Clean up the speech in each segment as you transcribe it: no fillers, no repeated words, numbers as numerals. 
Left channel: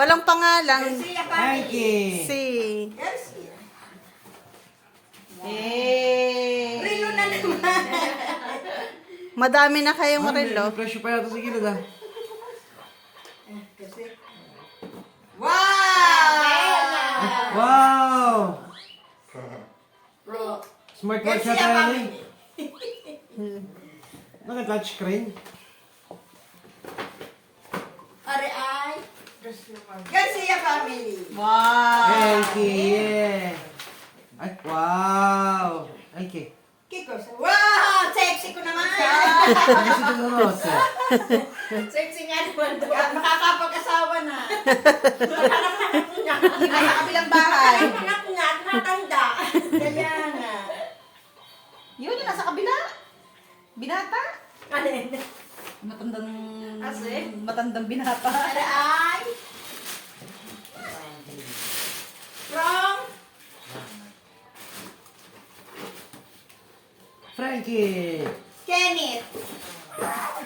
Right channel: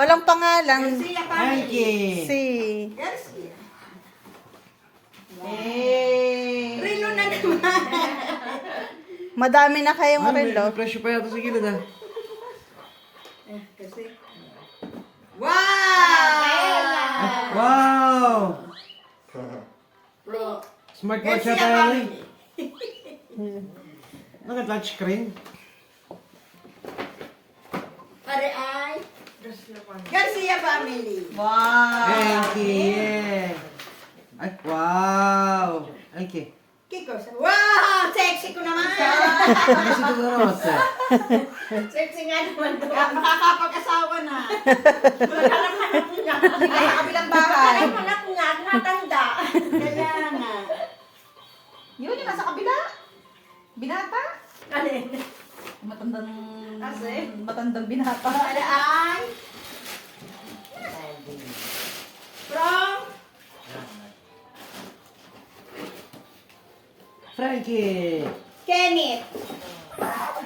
Walang pangalan. Garcia family. Mikey. Si. Garcia. Eh. Rilo na naman. Madami na kayong relo. May presyo pa yata sa gilid ah. Kasi. Wow! Wow! Bro. Smartwatch Garcia yata yan eh. family. Naka-touchscreen. Are ay. Garcia family. Wow. Mikey, yeah. Ay, wow. Mikey. Kiko. Wow! Sexy ko naman. Ano si Dolores? Sexy nga naman doon. Makakapag-asawa na. Anak niya. Nasa kabilang bahay. Anak niya, natanda. Kaya nga. Yun yung nasa kabila. Binata. Ano yun? Matandang binata. Are ay. From Frankie. Kenneth.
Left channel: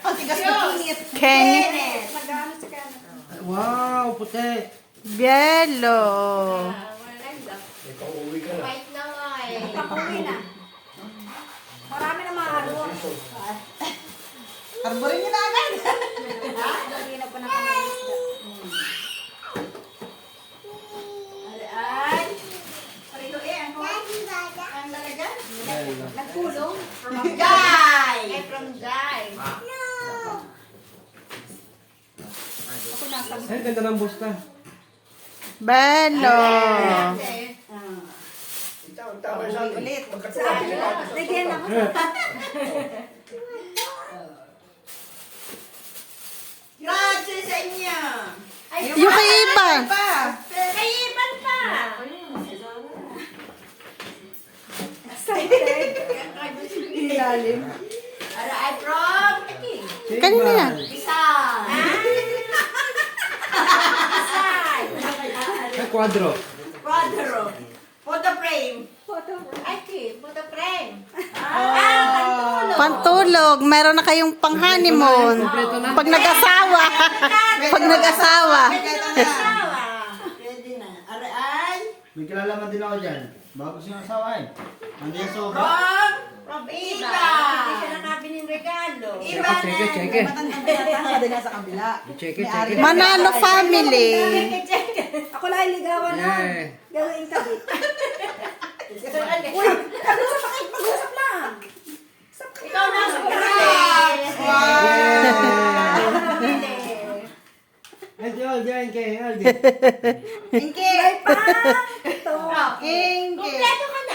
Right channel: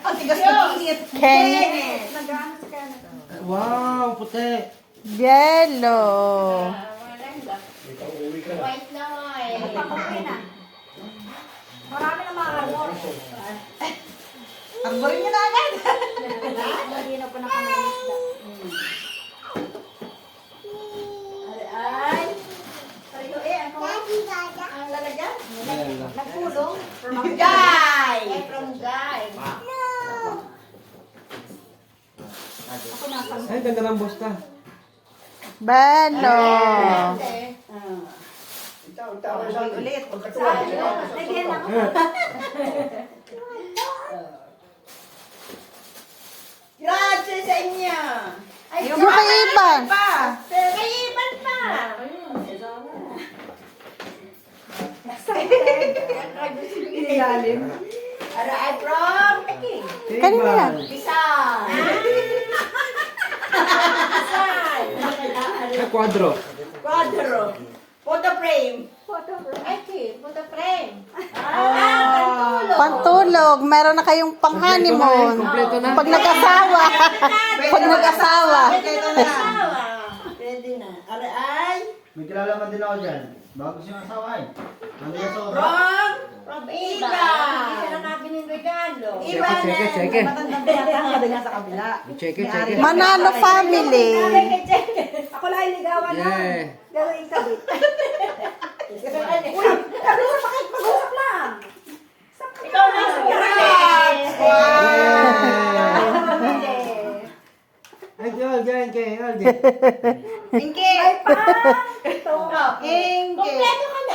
Ang tigas na init. Kenneth. Nag-ano si Kenneth? Wow, puti. Bielo. White Lloyd. Marami na mga harbo. Arborin niyo na agad. Lagyan ko na kami. Ay. Sarito ano? Ang lalagyan? Nagpulong. From Guy. From Guy. Ako nasa. Ay, ganda ng busta. Bielo. Ulit. Lagyan ako. Grazie sa inyo. Ay, Yung kay Iban. May iban pa. Ilalim. Ano ay from? Kanina yan. Isang. Ay, quadro. Quadro. Photo frame. Photo frame. Pantulog. Meron na kayong pang-honeymoon. Kompleto na. Pag nag-asawa. Pag nag-asawa. Pwede na. Are ay May kilalaman din ako dyan. Bago siya nasawain. Nandiyan sa oras. from Iba. Hindi siya nakabiling regalo. Iba Check it. Check it. Manalo family. Ako lang ligawan na. Yeah. Gawin ka din. Uy, pag-usap lang. Ikaw na surprise. Ay, Joel, kay Aldi. Inke. Kompleto ka na.